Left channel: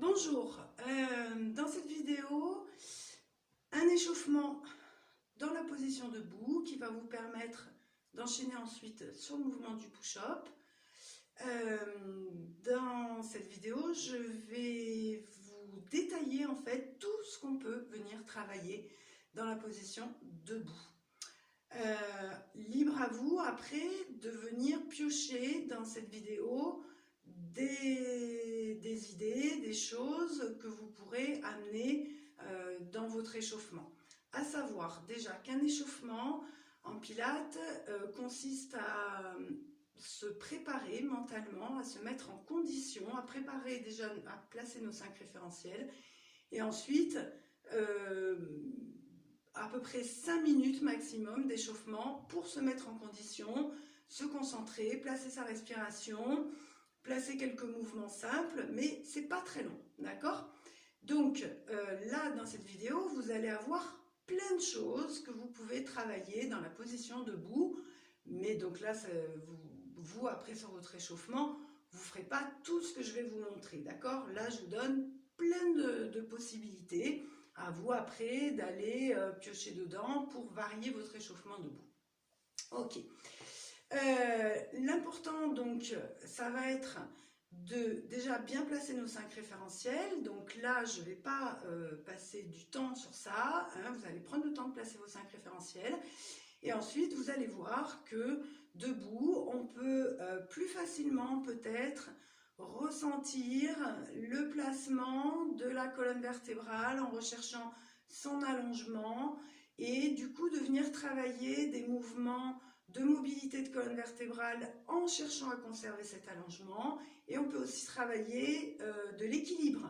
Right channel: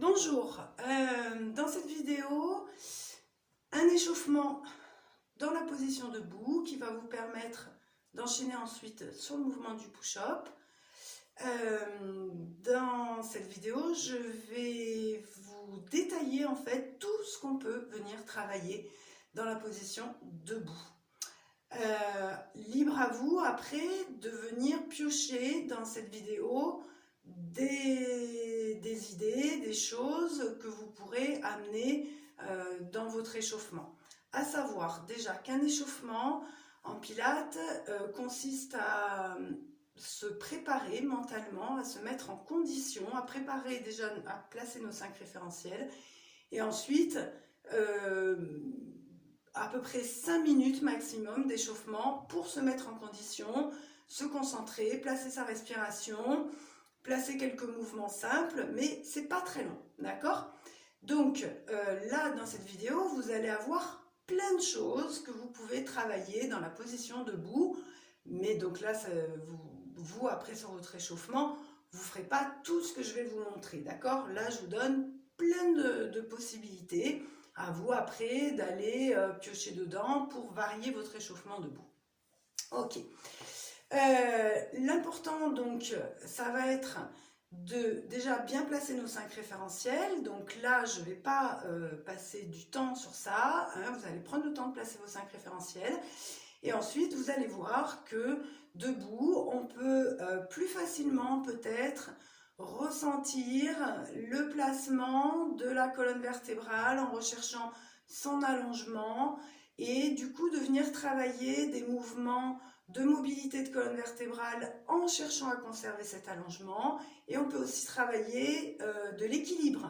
Bonjour, dans cette vidéo, un échauffement dans la position debout qui va vous permettre d'enchaîner ensuite sur le mouvement du push-up. Dans cette vidéo, je vais vous détailler en fait tout ce qu'on peut venir travailler dans la position debout. Libre à vous après de venir piocher dans cette vidéo des idées, des choses que vous pourrez amener dans votre échauffement. À savoir déjà qu'un échauffement en pilates consiste à se préparer mentalement, à se mettre en condition, à préparer déjà, à placer nos 5 référentiels et ensuite à peu près 5 minutes maximum d'échauffement pour se mettre en condition, se concentrer, placer sa respiration, placer quelques mouvements simples, mais c'est pas très long, d'accord? Donc là, dans cette vidéo, vous allez avoir plein de choses que vous pouvez travailler dans la position debout, mais donc là, vous après sur votre échauffement, vous ne ferez pas tout ce que je vais vous montrer, d'accord? Là, je vous donne plein de possibilités, à vous après d'aller piocher dedans pour varier votre échauffement debout. Ok. L'important donc, ça va être de déjà bien placer nos 5 référentiels. Donc là, je ne vais pas passer du temps sur ça. Hein, vous allez prendre le temps de placer vos 5 référentiels. Et ensuite, vous allez voir que debout, on peut plus facilement peut-être ressentir le placement de la colonne vertébrale en recherchant son allongement et du coup de venir travailler des mouvements de mobilité de colonne vertébrale en cherchant à conserver cet allongement. Et on peut aussi travailler de l'équilibre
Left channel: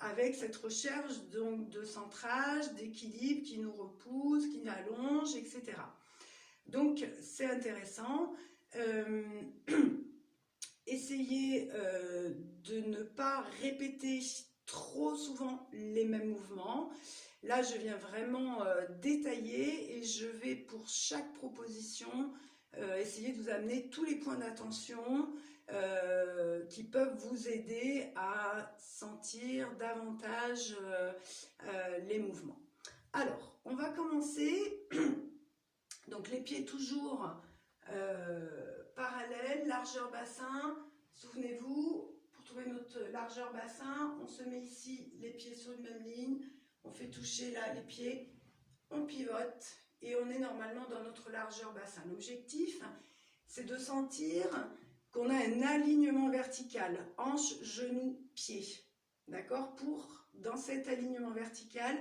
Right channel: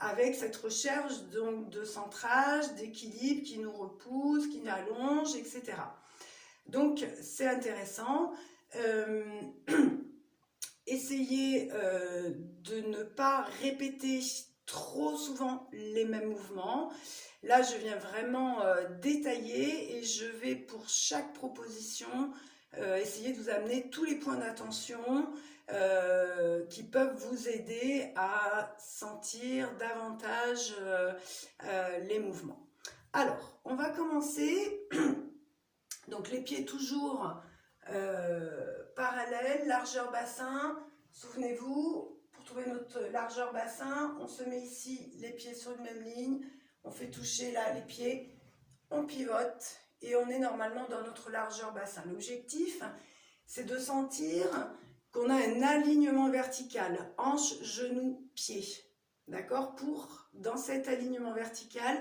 avec cette recherche donc de centrage, d'équilibre qui nous repousse, qui nous allonge, etc. Donc c'est intéressant. Essayez de ne pas répéter trop souvent les mêmes mouvements. Là, je viens vraiment détailler et je vais pour chaque proposition essayer de vous amener tous les points d'attention qui peuvent vous aider à sentir davantage les mouvements. Alors, on va commencer. Donc les pieds toujours parallèles, largeur bassin. Souvenez-vous, pour trouver notre largeur bassin, on se met ici les pieds sur une même ligne, on fait toucher là les pieds, on pivote et on est normalement dans notre largeur bassin. L'objectif, c'est de sentir qu'on a un alignement vertical, hanche, genou, pied. D'accord? Pour, dans cet alignement vertical,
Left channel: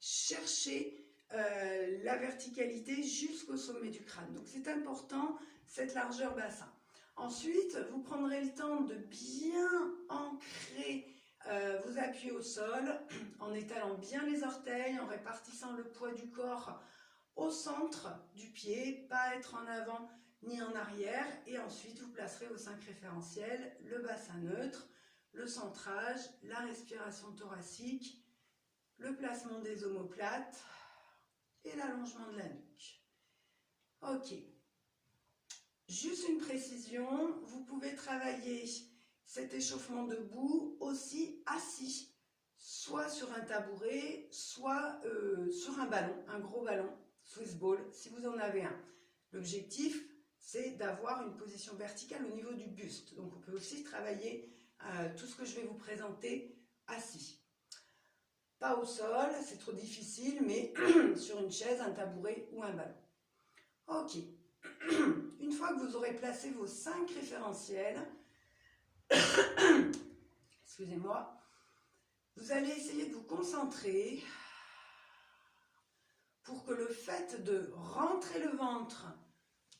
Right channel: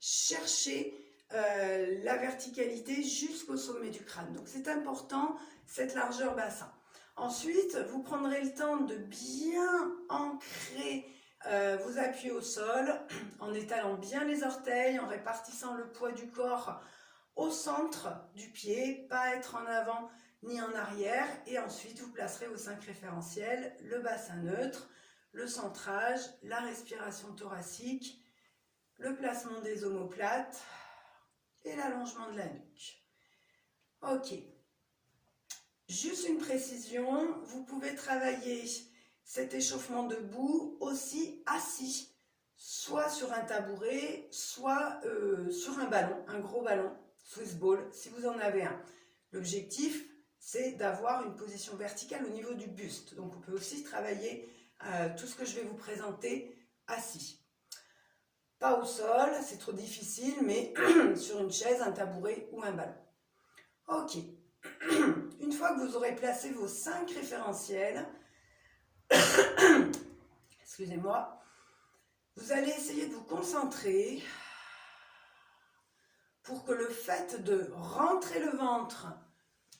chercher la verticalité jusqu'au sommet du crâne. Donc c'est important, cette largeur bassin. Ensuite, vous prendrez le temps de bien ancrer, vous appuyer au sol, en étalant bien les orteils, en répartissant le poids du corps au centre du pied, pas être en avant ni en arrière. Et ensuite, vous placerez vos 5 référentiels, le bassin neutre, le centrage, la respiration thoracique, le placement des omoplates et l'allongement de la nuque. Ok. Juste une précision, vous pouvez travailler cet échauffement debout aussi assis, soit sur un tabouret, soit sur un ballon, un gros ballon, Swiss ball, si vous en avez un. L'objectif, c'est d'avoir une position verticale au niveau du buste. Donc on peut aussi travailler tout ce que je vais vous présenter assis. Pas au sol, c'est trop difficile, mais sur une chaise, un tabouret ou un ballon. Ok. Une fois que vous aurez placé vos 5 référentiels, excusez-moi, vous allez essayer de vous concentrer pour que le fait de rentrer le ventre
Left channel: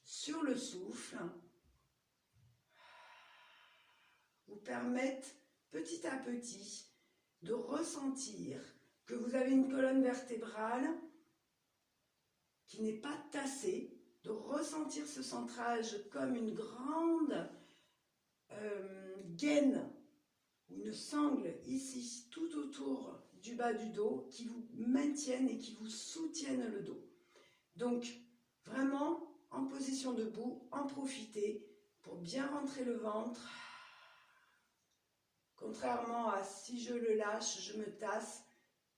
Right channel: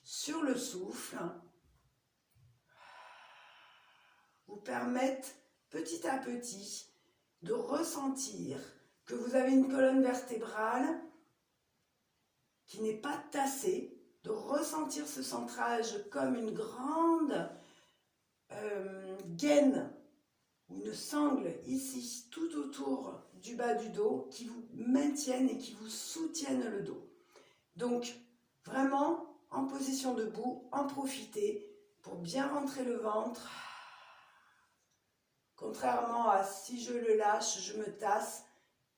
sur le souffle vous permette petit à petit de ressentir que vous avez une colonne vertébrale qui n'est pas tassée, de ressentir ce centrage comme une grande gaine ou une sangle ici tout autour du bas du dos qui vous maintiennent et qui vous soutiennent le dos. Donc vraiment en position debout, en profiter pour bien rentrer le ventre Contrairement à si je le lâche, je me tasse.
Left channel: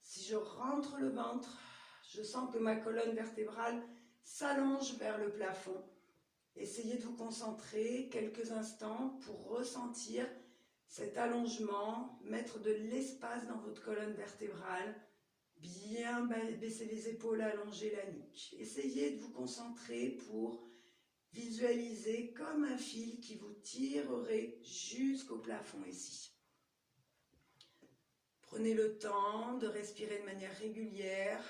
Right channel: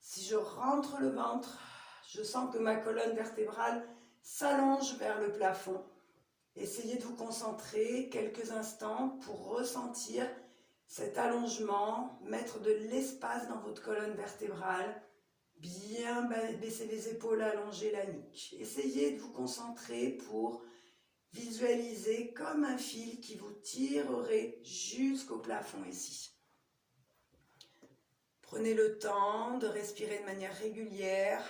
Si je rentre le ventre, je sens que ma colonne vertébrale s'allonge vers le plafond. Essayez de vous concentrer quelques instants pour ressentir cet allongement, mettre de l'espace dans votre colonne vertébrale, bien baisser les épaules, allonger la nuque. Essayez de vous concentrer pour visualiser comme un fil qui vous tirerait jusqu'au plafond ici. Prenez le temps de respirer de manière régulière,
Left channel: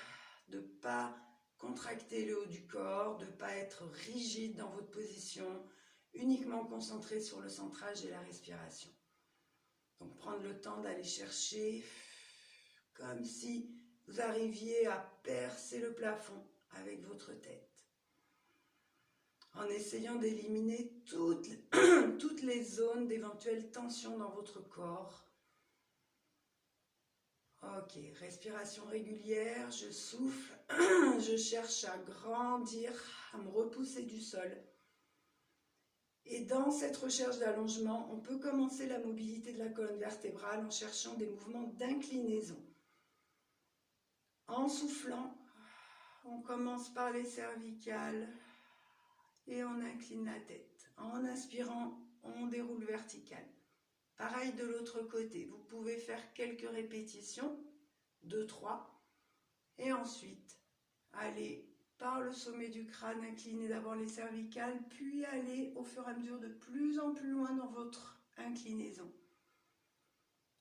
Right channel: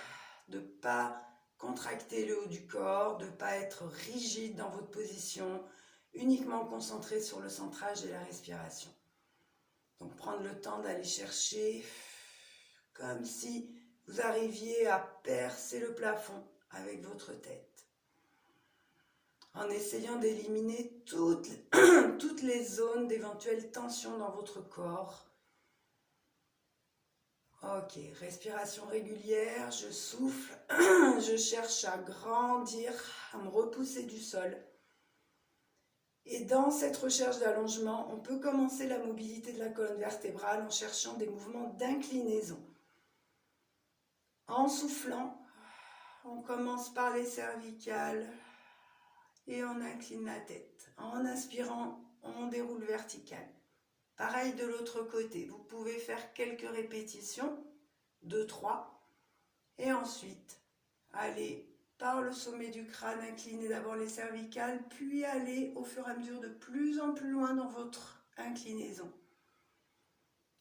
de ne pas contracter le haut du corps, de ne pas être rigide dans votre position, uniquement concentré sur le centrage et la respiration. Donc prendre le temps d'aller chercher comme si vous arriviez à percer le plafond avec votre tête. En essayant d'éliminer toutes les zones d'éventuelles tensions dans votre corps. Ok, respiration régulière, je souffle, je cherche à grandir, à me repousser du sol. Et dans cette recherche d'allongement, on peut commencer la mobilité de la colonne vertébrale en cherchant des mouvements d'inclinaison. En soufflant, on commence par les cervicales et on incline la tête. En inspirant, on déroule vertical. Pareil de l'autre côté, vous pouvez faire quelques répétitions, 2, 3, et ensuite aller par le sommet du crâne, incliner d'abord les cervicales, puis aller au fur et à mesure de plus en plus loin dans votre inclinaison.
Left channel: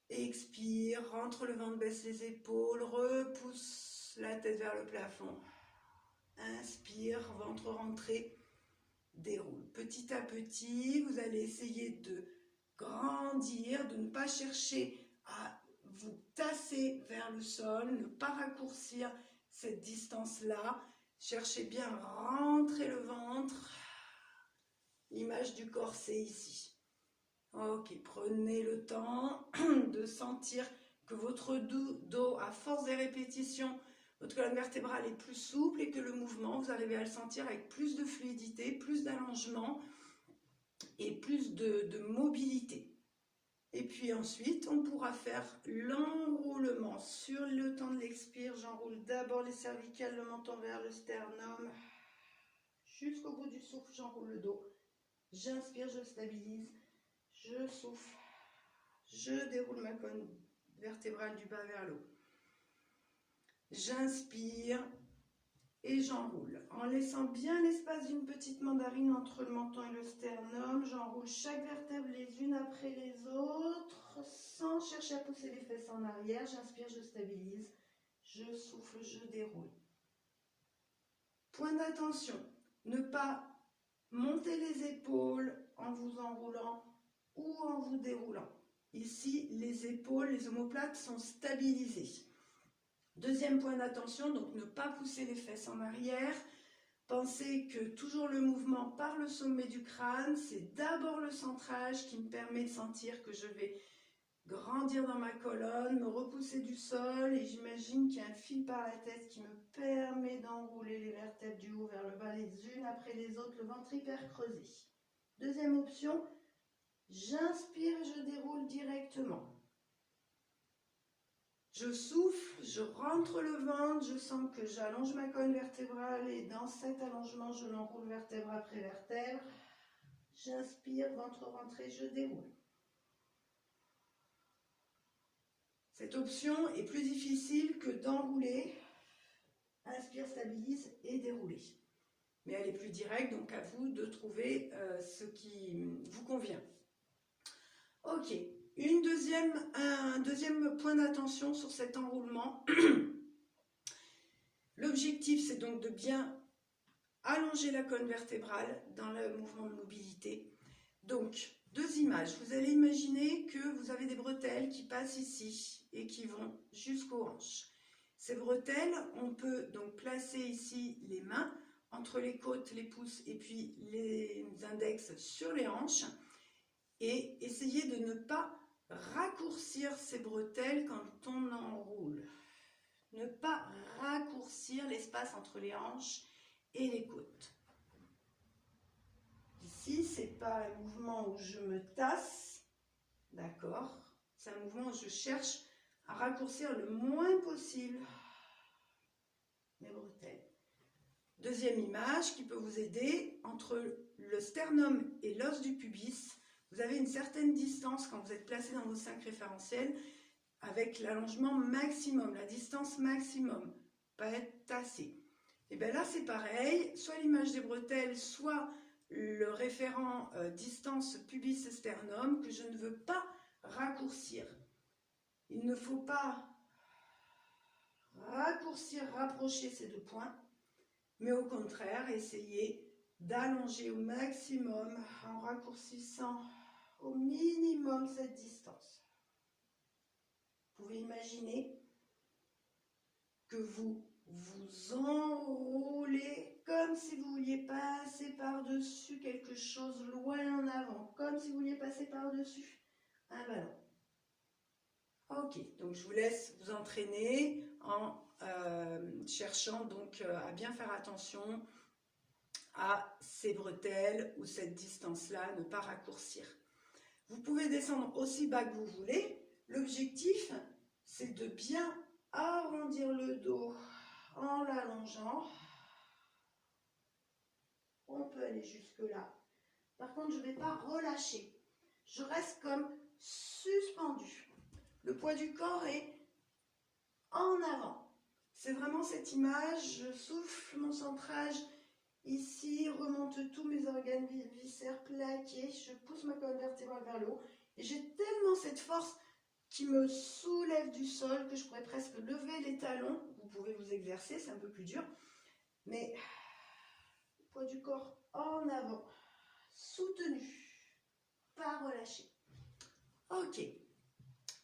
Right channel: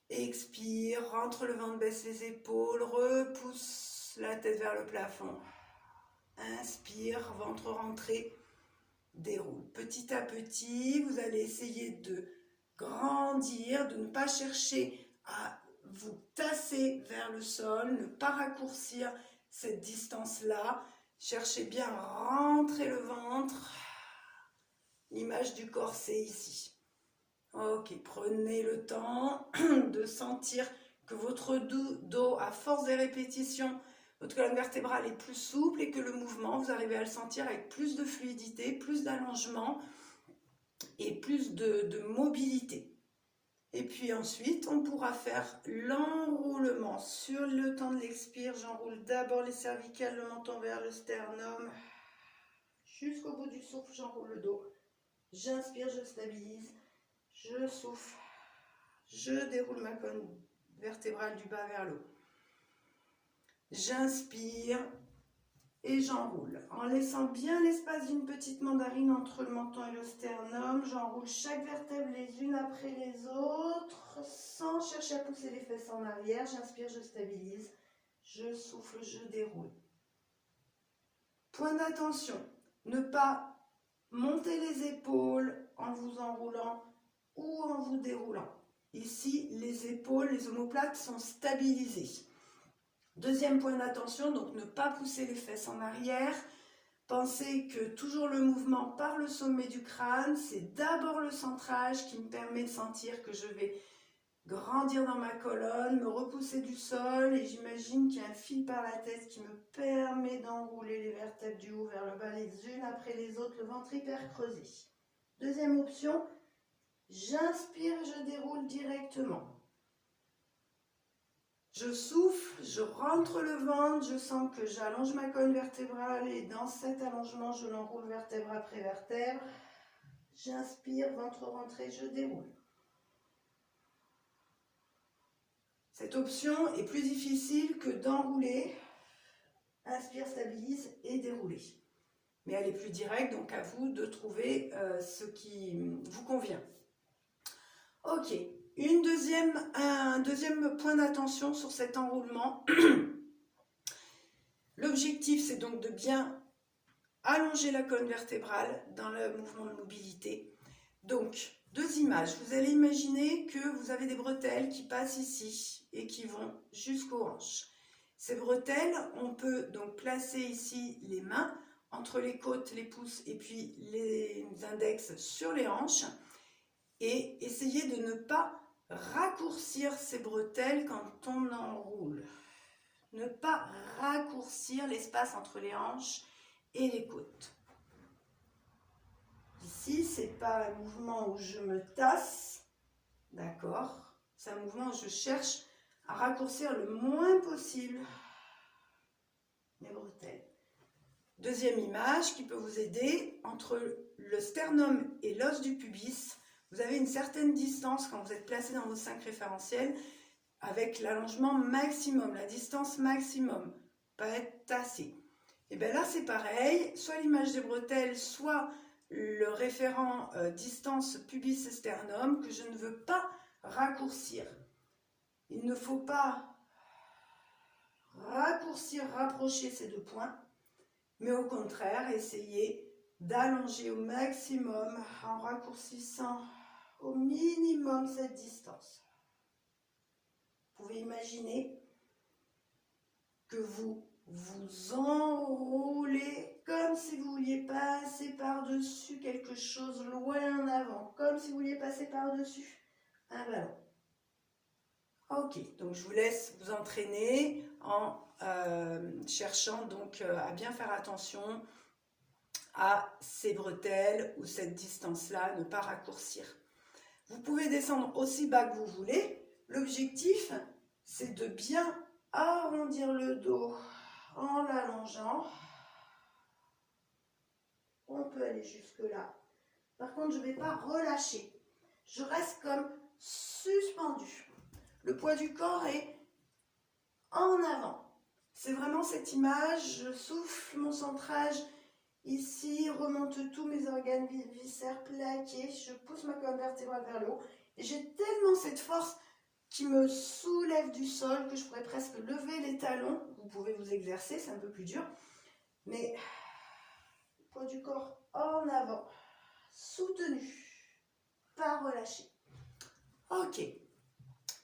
Expire, rentre le ventre, baisse les épaules, repousse la tête vers le plafond. Inspire, ventre rentré, déroule. Petit à petit, vous allez essayer de grandir, de ne pas chercher à vous tasser vers le sol, ne pas raccourcir cette distance-là. Cherchez bien à rentrer le ventre. L'image du corset ici. Ok, prenez le temps de sentir que votre dos, à force des répétitions, votre colonne vertébrale est plus souple et que le mouvement, vous arrivez à le sentir avec plus de fluidité, plus d'allongement et plus de mobilité. Et puis ensuite, on pourra faire l'enroulement sur le temps de l'expire. J'enroule d'abord les cervicales, le menton vers le sternum. Jusqu'au bout du souffle, j'enroule le dos. J'inspire, je stabilise. Je souffle. Je déroule ma colonne vertébrale du bas vers le haut. J'inspire et j'enroule. En laissant bien l'espace d'une petite mandarine entre le menton et le sternum, j'enroule chaque vertèbre les unes après les autres, sans chercher à pousser les fesses en arrière. J'inspire, je stabilise. Je souffle, je déroule. Point d'attention, ne pas monter les épaules en vous enroulant ou en vous déroulant. Ici, les épaules, les omoplates sont stabilisées. Deuxième point d'attention, donc ne pas pousser les fesses en arrière. Pensez que toujours le mouvement par le sommet du crâne, c'est d'abord le centrage qui me permet de sentir que je vais grandir dans ma colonne, me repousser du sol et j'imagine qu'il y a un fil par la tête qui me permet d'enrouler les vertèbres du haut vers le bas les unes après les autres, le ventre hyper creusé. Deuxième option, j'inspire et je déroule directement. Je souffle, je rentre le ventre, je sens que j'allonge ma colonne vertébrale et dans cet allongement, je l'enroule vertèbre après vertèbre. J'inspire, ventre rentré, je déroule. Cette option est plus difficile que d'enrouler. Inspire, stabilise et dérouler. Mais elle est plus directe, donc à vous de trouver ce qui vous convient. Ok. Un deuxième point d'attention sur cet enroulement. L'objectif, c'est donc de bien allonger la colonne vertébrale dans le mouvement de mobilité. Donc, deux images. Vous allez imaginer que vous avez des bretelles qui passent ici et qui vont jusqu'aux hanches. Ces bretelles, on peut donc placer ici les mains entre les côtes, les pouces et puis les index sur les hanches et essayer de ne pas raccourcir ces bretelles quand on enroule. Ne pas raccourcir l'espace entre les hanches et les côtes. Ici, ce n'est pas un mouvement où je me tasse, d'accord? C'est un mouvement où je cherche à raccourcir le moins possible mes bretelles. Deuxième image qui peut vous aider, entre le sternum et l'os du pubis, vous avez une certaine distance quand vous êtes placé dans vos 5 référentiels avec l'allongement maximum, la distance maximum, pas être tassé. Et bien là c'est pareil, soit l'image des bretelles, soit le référent distance pubis-sternum que je ne veux pas raccourcir. Il ne faut pas raccourcir, rapprocher ces 2 points, mais au contraire, essayer d'allonger au maximum en raccourcissant au minimum cette distance. Vous pouvez imaginer que vous vous enroulez comme si vous vouliez passer par-dessus quelque chose loin en avant, comme si vous vouliez passer par-dessus un ballon. Ok, donc je vous laisse vous entraîner en cherchant donc à bien faire attention à ces bretelles ou cette distance-là, ne pas raccourcir. Vous pouvez descendre aussi bas que vous voulez. L'objectif, c'est de bien arrondir le dos en l'allongeant. On peut aller jusque là. Par contre, je ne vais pas relâcher. Je reste comme suspendu. Le poids du corps est en avant. C'est vraiment cette image, je souffle mon centrage ici, remonte tous mes organes viscères plaqués, je pousse ma colonne vertébrale vers le haut et j'ai tellement cette force qui me soulève du sol que je pourrais presque lever les talons. Vous pouvez vous exercer, c'est un peu plus dur, mais le poids du corps en avant, soutenu, pas relâché. Ok.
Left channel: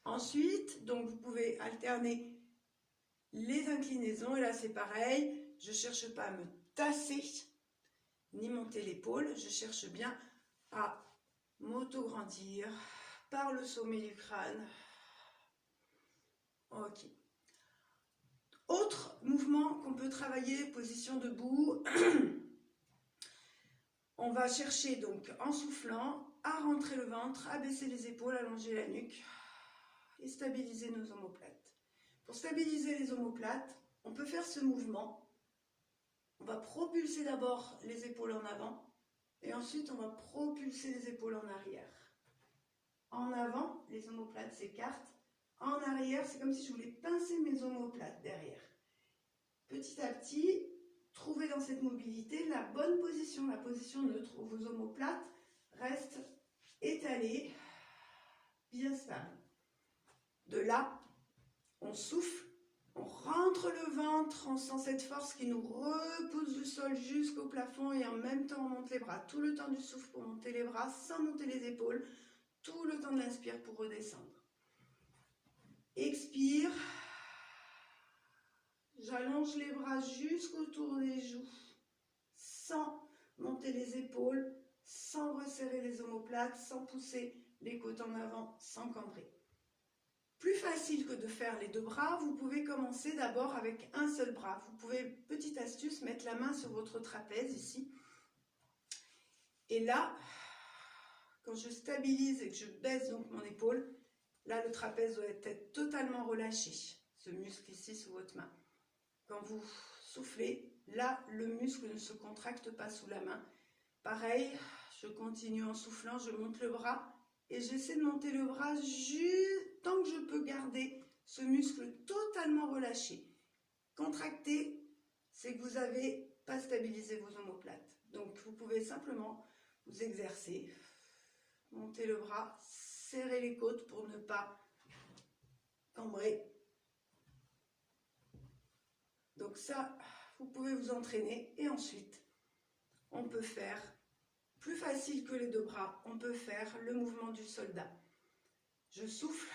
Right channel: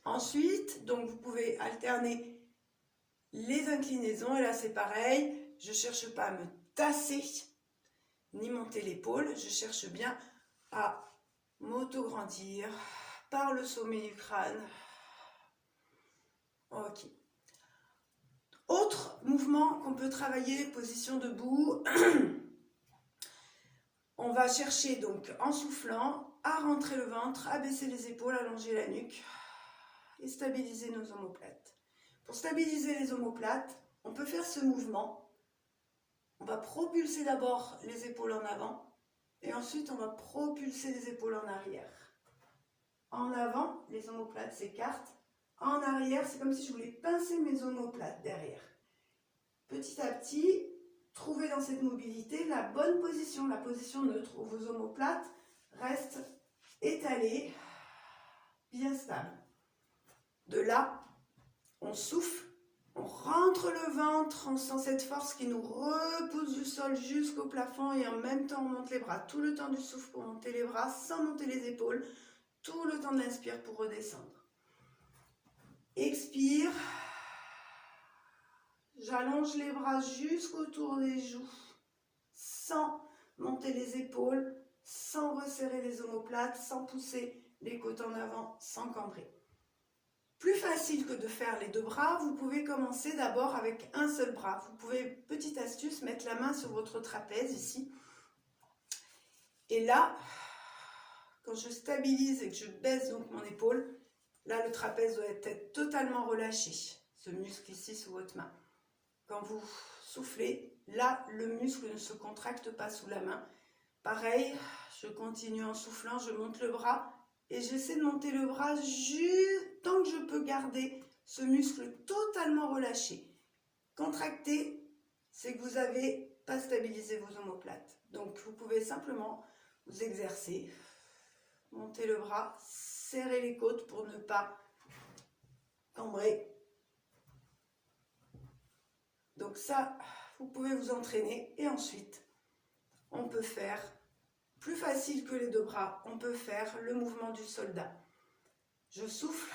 Ensuite, donc vous pouvez alterner les inclinaisons, et là c'est pareil, je ne cherche pas à me tasser, ni monter l'épaule, je cherche bien à m'auto-grandir par le sommet du crâne. Ok. Autre mouvement qu'on peut travailler, position debout, on va chercher donc en soufflant à rentrer le ventre, à baisser les épaules, allonger la nuque et stabiliser nos omoplates. Pour stabiliser les omoplates, on peut faire ce mouvement. On va propulser d'abord les épaules en avant et ensuite on va propulser les épaules en arrière. En avant, les omoplates s'écartent. En arrière, c'est comme si je voulais pincer mes omoplates derrière. Petit à petit, trouvez dans cette mobilité la bonne position, la position neutre où vos omoplates restent étalées, bien stables. De là, on souffle, on rentre le ventre, on sent cette force qui nous repousse du sol jusqu'au plafond et en même temps on monte les bras. Tout le temps du souffle pour monter les bras sans monter les épaules. Tout le temps de l'inspire pour redescendre. Expire. J'allonge les bras jusqu'autour des joues sans monter les épaules, sans resserrer les omoplates, sans pousser les côtes en avant, sans cambrer. Plus facile que de faire les 2 bras, vous pouvez commencer d'abord avec un seul bras. Vous pouvez, petite astuce, mettre la main sur votre trapèze ici. Et là, quand je stabilise et que je baisse donc mon épaule, là le trapèze doit être totalement relâché, ce muscle ici sous votre main. Quand vous soufflez, là le muscle ne se contracte pas sous la main. Pareil, je continue en soufflant, je monte le bras. Et j'essaie de monter le bras juste tant que je peux garder ce muscle totalement relâché. Contracté, c'est que vous n'avez pas stabilisé vos omoplates. Donc vous pouvez simplement vous exercer, monter le bras, serrer les côtes pour ne pas cambrer. Donc ça, vous pouvez vous entraîner et ensuite, on peut faire plus facile que les 2 bras, on peut faire le mouvement du soldat. Je souffle,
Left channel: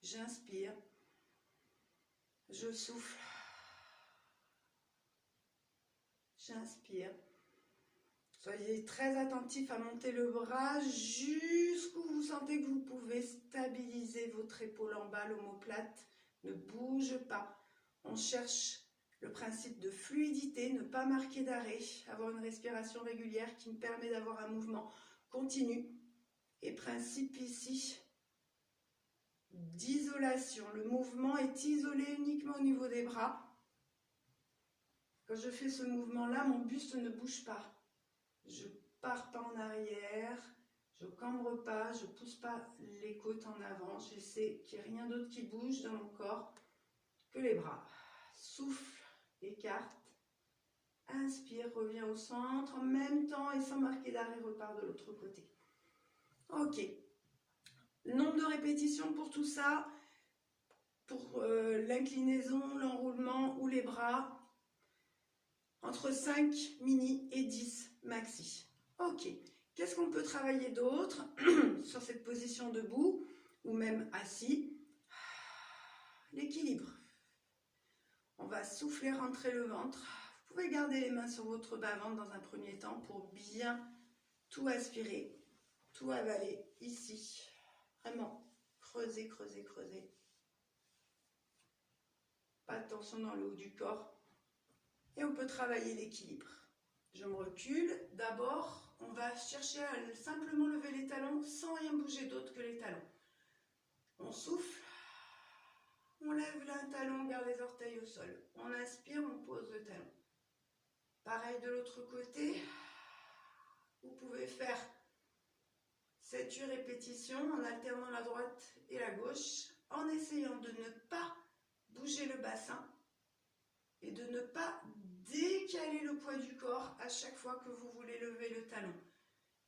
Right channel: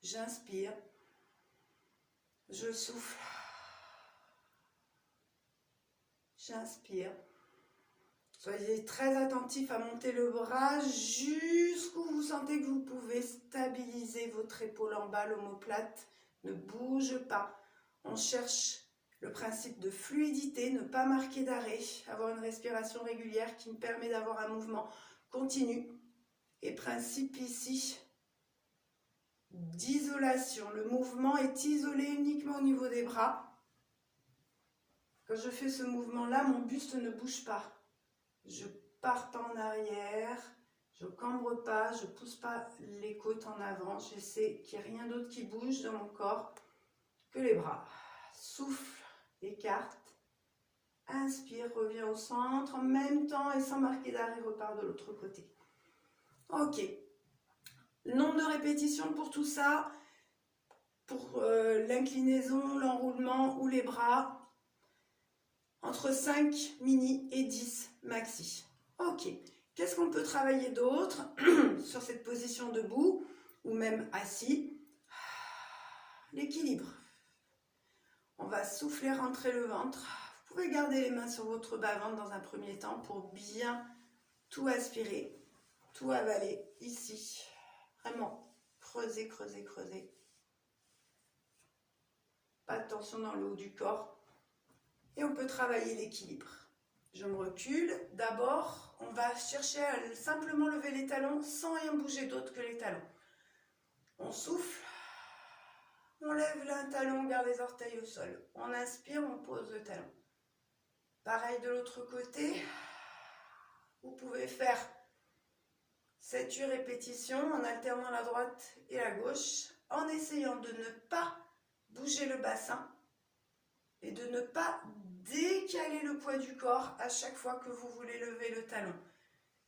j'inspire, je souffle, j'inspire. Soyez très attentif à monter le bras jusqu'où vous sentez que vous pouvez stabiliser votre épaule en bas, l'omoplate ne bouge pas. On cherche le principe de fluidité, ne pas marquer d'arrêt, avoir une respiration régulière qui me permet d'avoir un mouvement continue. Et principe ici d'isolation. Le mouvement est isolé uniquement au niveau des bras. Quand je fais ce mouvement-là, mon buste ne bouge pas. Je pars pas en arrière, je cambre pas, je pousse pas les côtes en avant. J'essaie qu'il n'y ait rien d'autre qui bouge dans mon corps que les bras. Souffle, écarte. Inspire, reviens au centre en même temps et sans marquer d'arrêt, repart de l'autre côté. Ok. Nombre de répétitions pour tout ça, pour l'inclinaison, l'enroulement ou les bras, entre 5 mini et 10 maxi. Ok. Qu'est-ce qu'on peut travailler d'autre sur cette position debout ou même assis? L'équilibre. On va souffler, rentrer le ventre. Vous pouvez garder les mains sur votre bas-ventre dans un premier temps pour bien tout aspirer, tout avaler ici. Vraiment, creuser, creuser, creuser. Pas de tension dans le haut du corps. Et on peut travailler l'équilibre. Je me recule. D'abord, on va chercher à simplement lever les talons sans rien bouger d'autre que les talons. On souffle. On lève l'un talon, on garde les orteils au sol. On inspire, on pose le talon. Pareil de l'autre côté. Vous pouvez faire 7-8 répétitions en alternant la droite et la gauche, en essayant de ne pas bouger le bassin et de ne pas décaler le poids du corps à chaque fois que vous voulez lever le talon.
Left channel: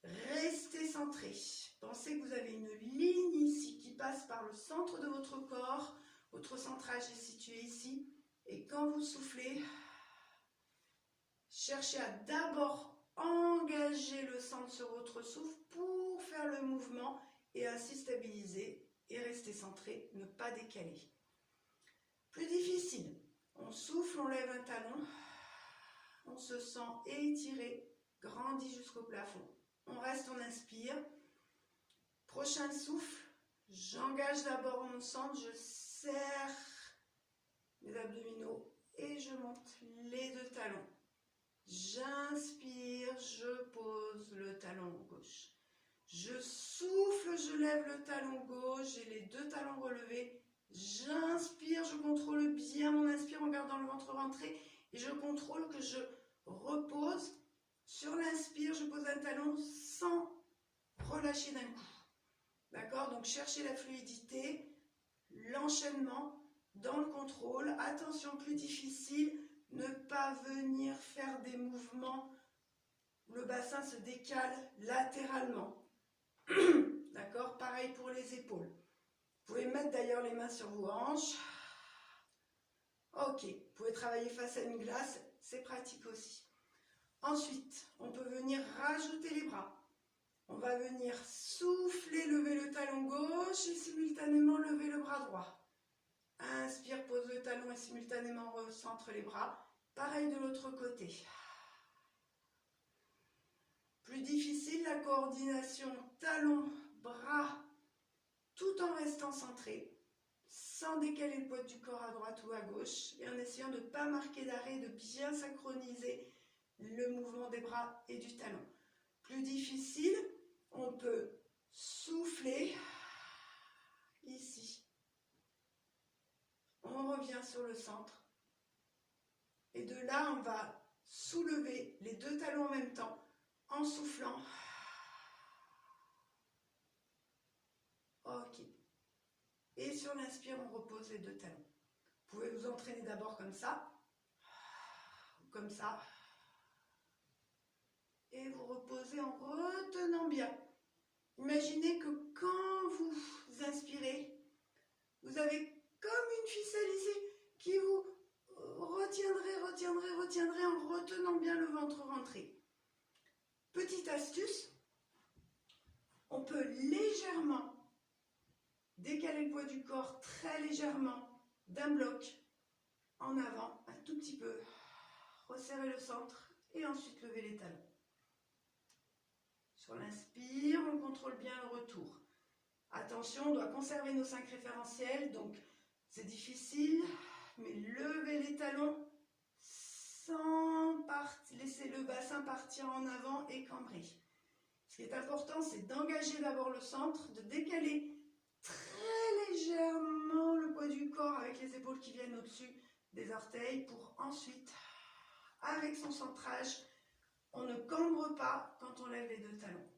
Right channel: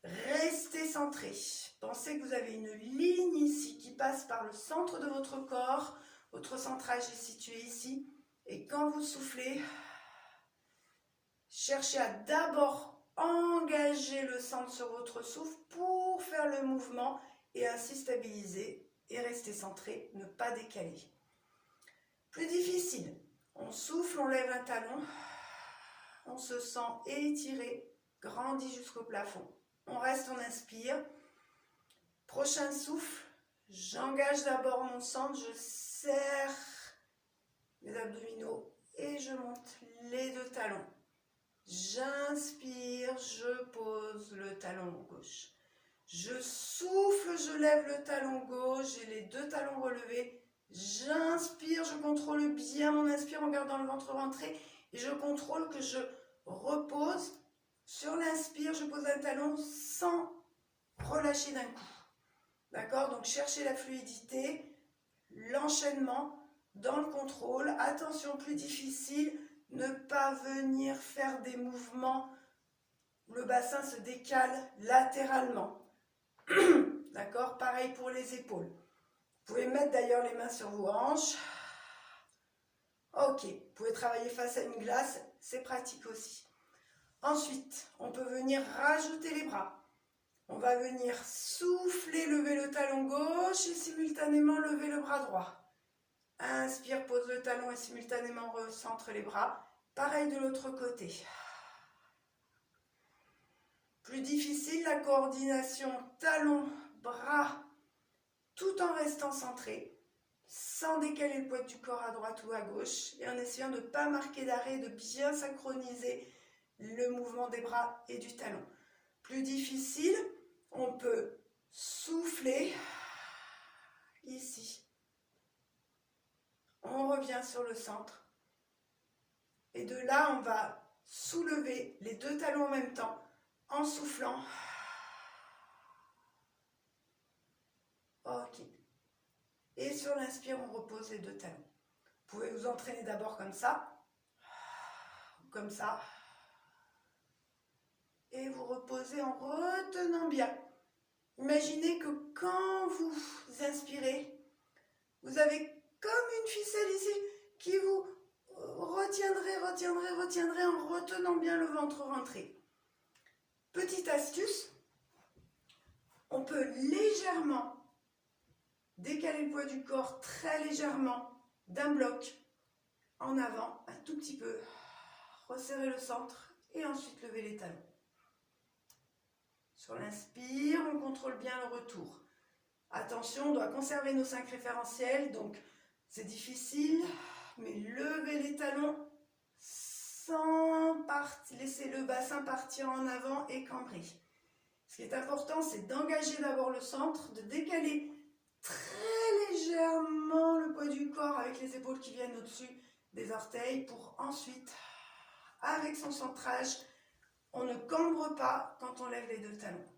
Restez centré. Pensez que vous avez une ligne ici qui passe par le centre de votre corps. Votre centrage est situé ici. Et quand vous soufflez, cherchez à d'abord engager le centre sur votre souffle pour faire le mouvement et ainsi stabiliser et rester centré, ne pas décaler. Plus difficile, on souffle, on lève un talon, on se sent étiré, grandi jusqu'au plafond. On reste, on inspire. Prochain souffle, j'engage d'abord mon centre, je serre mes abdominaux et je monte les deux talons. J'inspire, je pose le talon gauche. Je souffle, je lève le talon gauche, j'ai les deux talons relevés. J'inspire, je contrôle bien mon inspire en gardant le ventre rentré. Et je contrôle que je repose. Sur l'inspire, je pose un talon sans relâcher d'un coup. D'accord? Donc cherchez la fluidité, l'enchaînement dans le contrôle. Attention, plus difficile, ne pas venir faire des mouvements où le bassin se décale latéralement. D'accord? Pareil pour les épaules. Vous pouvez mettre d'ailleurs les mains sur vos hanches. Ok, vous pouvez travailler face à une glace, c'est pratique aussi. Ensuite, on peut venir rajouter les bras. On va venir souffler, lever le talon gauche et simultanément lever le bras droit. Inspire, pose le talon et simultanément recentre les bras. Pareil de l'autre côté. Plus difficile, la coordination talon, bras, tout en restant centré, sans décaler le poids du corps à droite ou à gauche et en essayant de ne pas marquer d'arrêt, de bien synchroniser le mouvement des bras et du talon. Plus difficile, on peut souffler ici. On revient sur le centre. Et de là, on va soulever les deux talons en même temps en soufflant. Ok. Et sur l'inspire, on repose les deux talons. Vous pouvez vous entraîner d'abord comme ça, ou comme ça. Et vous reposez en retenant bien. Imaginez que quand vous inspirez, vous avez comme une ficelle ici qui vous retiendrez en retenant bien le ventre rentré. Petite astuce, on peut légèrement décaler le poids du corps très légèrement d'un bloc en avant, un tout petit peu, resserrer le centre et ensuite lever les talons. Sur l'inspire, on contrôle bien le retour. Attention, on doit conserver nos 5 référentiels, donc c'est difficile, mais levez les talons sans laisser le bassin partir en avant et cambrer. Ce qui est important, c'est d'engager d'abord le centre, de décaler très légèrement le poids du corps avec les épaules qui viennent au-dessus des orteils pour ensuite, avec son centrage, on ne cambre pas quand on lève les deux talons.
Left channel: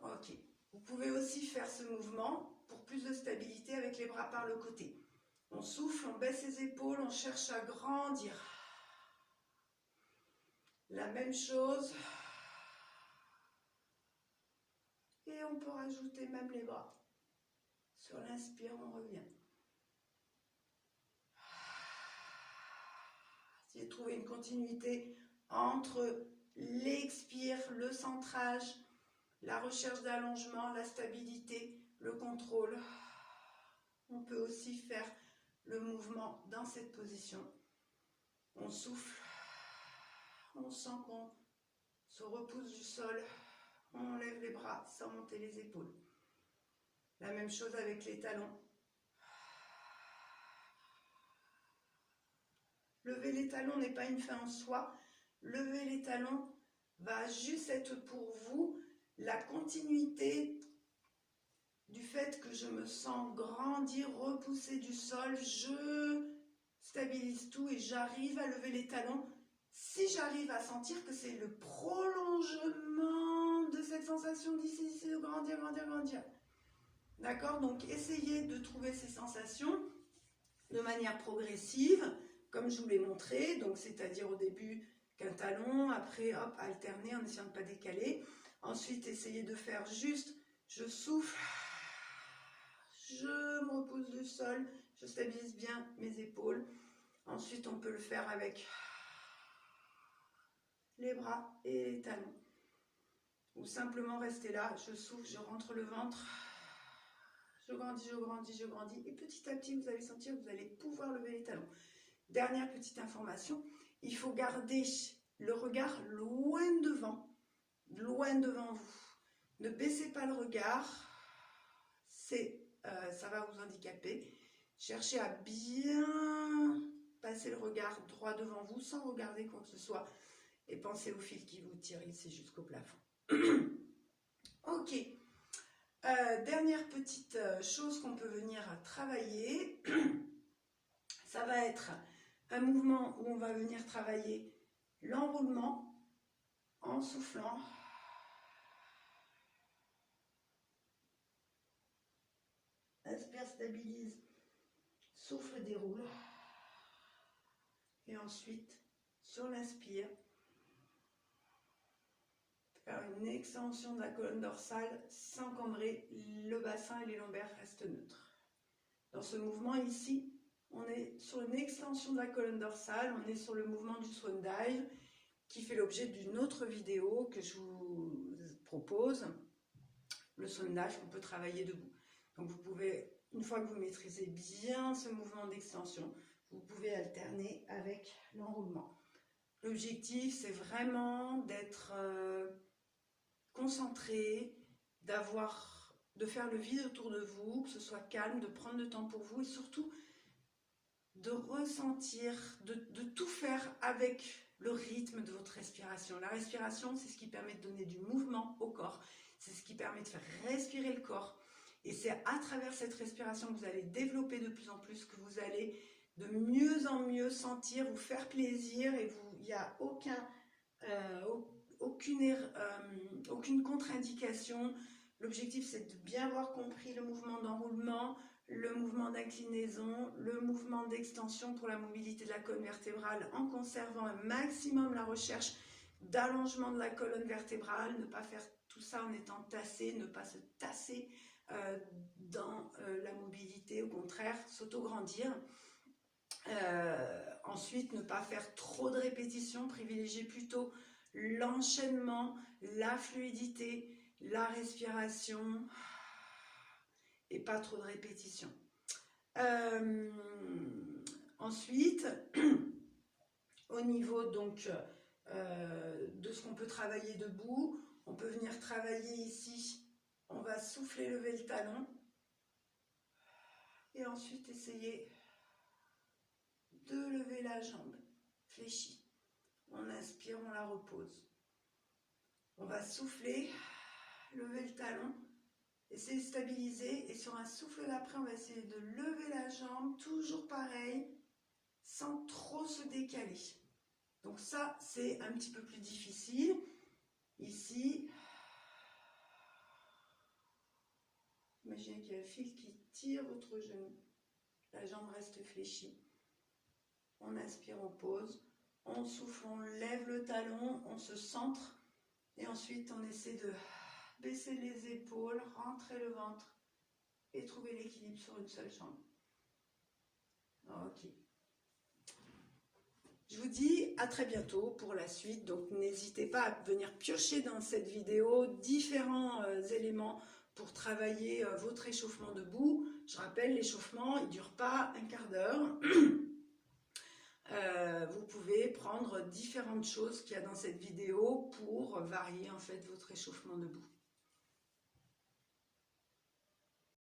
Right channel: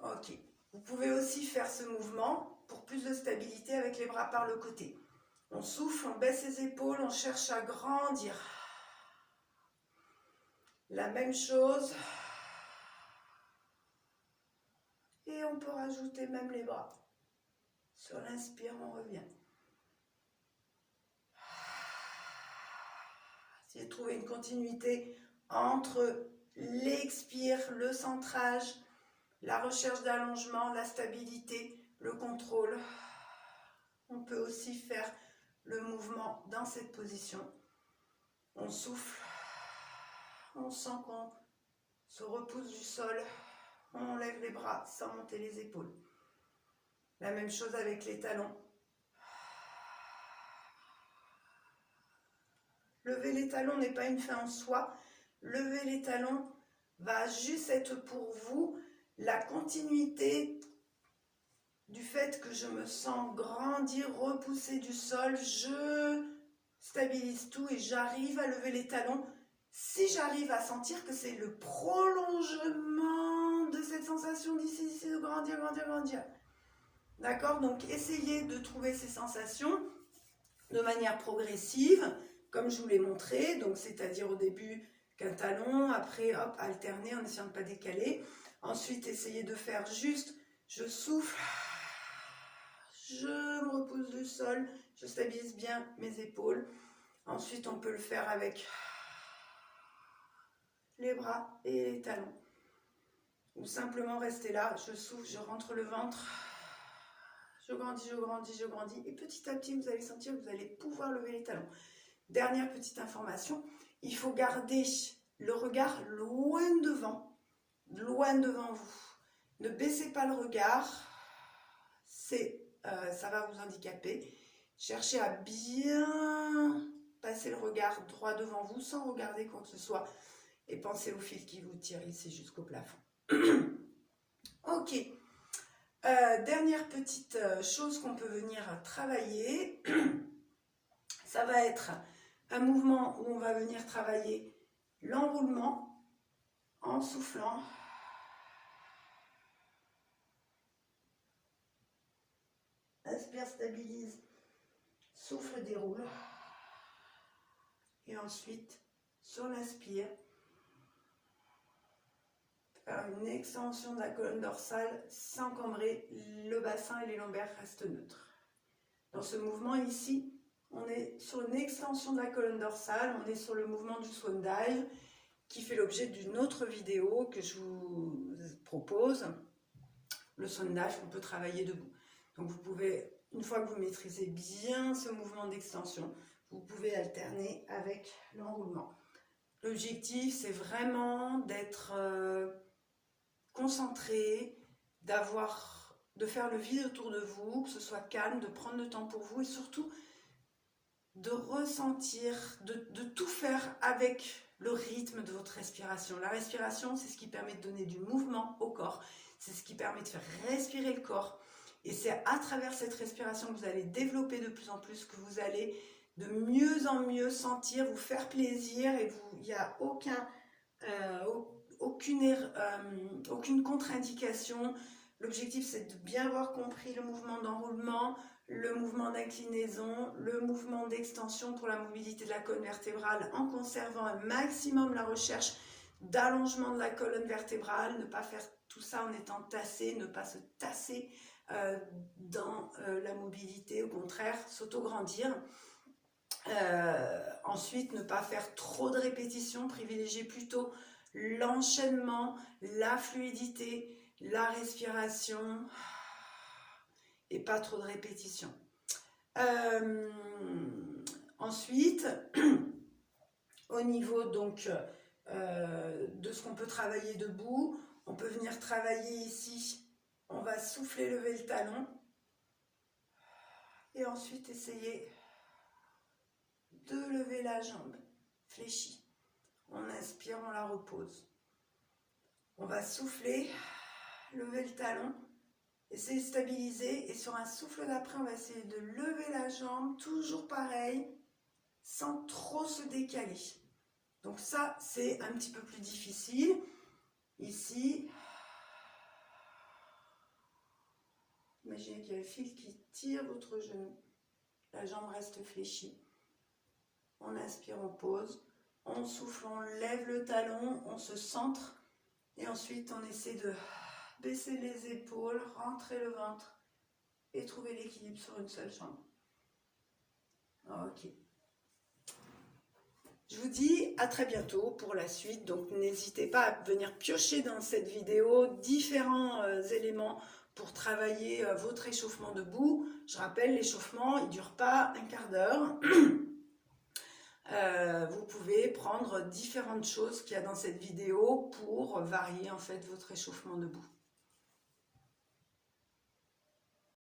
Ok. Vous pouvez aussi faire ce mouvement pour plus de stabilité avec les bras par le côté. On souffle, on baisse les épaules, on cherche à grandir. La même chose. Et on peut rajouter même les bras. Sur l'inspire, on revient. Essayez de trouver une continuité entre l'expire, le centrage, la recherche d'allongement, la stabilité, le contrôle. On peut aussi faire le mouvement dans cette position. On souffle, on sent qu'on se repousse du sol, on lève les bras sans monter les épaules. La même chose avec les talons. Lever les talons n'est pas une fin en soi. Lever les talons va juste être pour vous la continuité du fait que je me sens grandir, repousser du sol. Je stabilise tout et j'arrive à lever les talons. Si j'arrive à sentir que c'est le prolongement de cette sensation d'ici, de grandir, grandir, grandir. D'accord? Donc, essayez de trouver ces sensations de manière progressive, comme je vous l'ai montré. Donc, c'est-à-dire au début qu'un talon, après, hop, alterner en essayant de ne pas décaler. Ensuite, essayez de faire juste, je souffle, je me repousse du sol, je stabilise bien mes épaules. Ensuite, on peut le faire avec les bras et les talons. Ou simplement rester là, je souffle, je rentre le ventre. Je grandis, je grandis, je grandis. Et petit à petit, vous allez sentir que vous allez pouvoir lever les talons. Dernière petite information, il faut garder le regard loin devant vous. Ne baissez pas le regard, ça va vous handicaper. Cherchez à bien passer le regard droit devant vous sans regarder quoi que ce soit. Et pensez au fil qui vous tire ici jusqu'au plafond. Ok. Dernière petite chose qu'on peut venir travailler, ça va être un mouvement où on va venir travailler l'enroulement en soufflant. Inspire, stabilise, souffle, déroule. Et ensuite, sur l'inspire, faire une extension de la colonne dorsale sans cambrer, le bassin et les lombaires restent neutres. Dans ce mouvement ici, on est sur une extension de la colonne dorsale, on est sur le mouvement du swan dive qui fait l'objet d'une autre vidéo que je vous propose. Le swan dive, on peut travailler debout. Donc vous pouvez, une fois que vous maîtrisez bien ce mouvement d'extension, vous pouvez alterner avec l'enroulement. L'objectif, c'est vraiment d'être concentré, de faire le vide autour de vous, que ce soit calme, de prendre le temps pour vous et surtout de ressentir, de tout faire avec le rythme de votre respiration. La respiration, c'est ce qui permet de donner du mouvement au corps, c'est ce qui permet de faire respirer le corps. Et c'est à travers cette respiration que vous allez développer de plus en plus, que vous allez de mieux en mieux sentir, vous faire plaisir et il n'y a aucune contre-indication. L'objectif, c'est de bien avoir compris le mouvement d'enroulement, le mouvement d'inclinaison, le mouvement d'extension pour la mobilité de la colonne vertébrale en conservant un maximum la recherche d'allongement de la colonne vertébrale, ne pas faire tout ça en étant tassé, ne pas se tasser dans la mobilité, au contraire, s'auto-grandir. Ensuite, ne pas faire trop de répétitions, privilégier plutôt l'enchaînement, la fluidité, la respiration et pas trop de répétitions. Ensuite, au niveau donc de ce qu'on peut travailler debout, on peut venir travailler ici. On va souffler, lever le talon et ensuite essayer de lever la jambe fléchie. On inspire, on la repose. On va souffler lever le talon. Essayez de stabiliser et sur un souffle d'après, on va essayer de lever la jambe, toujours pareil, sans trop se décaler. Donc ça, c'est un petit peu plus difficile. Ici, imaginez qu'il y a le fil qui tire votre genou. La jambe reste fléchie. On inspire, on pose. On souffle, on lève le talon, on se centre. Et ensuite, on essaie de baisser les épaules, rentrer le ventre et trouver l'équilibre sur une seule jambe. Ok. Je vous dis à très bientôt pour la suite. Donc, n'hésitez pas à venir piocher dans cette vidéo différents éléments pour travailler votre échauffement debout. Je rappelle, l'échauffement, il ne dure pas un quart d'heure. Vous pouvez prendre différentes choses qu'il y a dans cette vidéo pour varier en fait votre échauffement debout.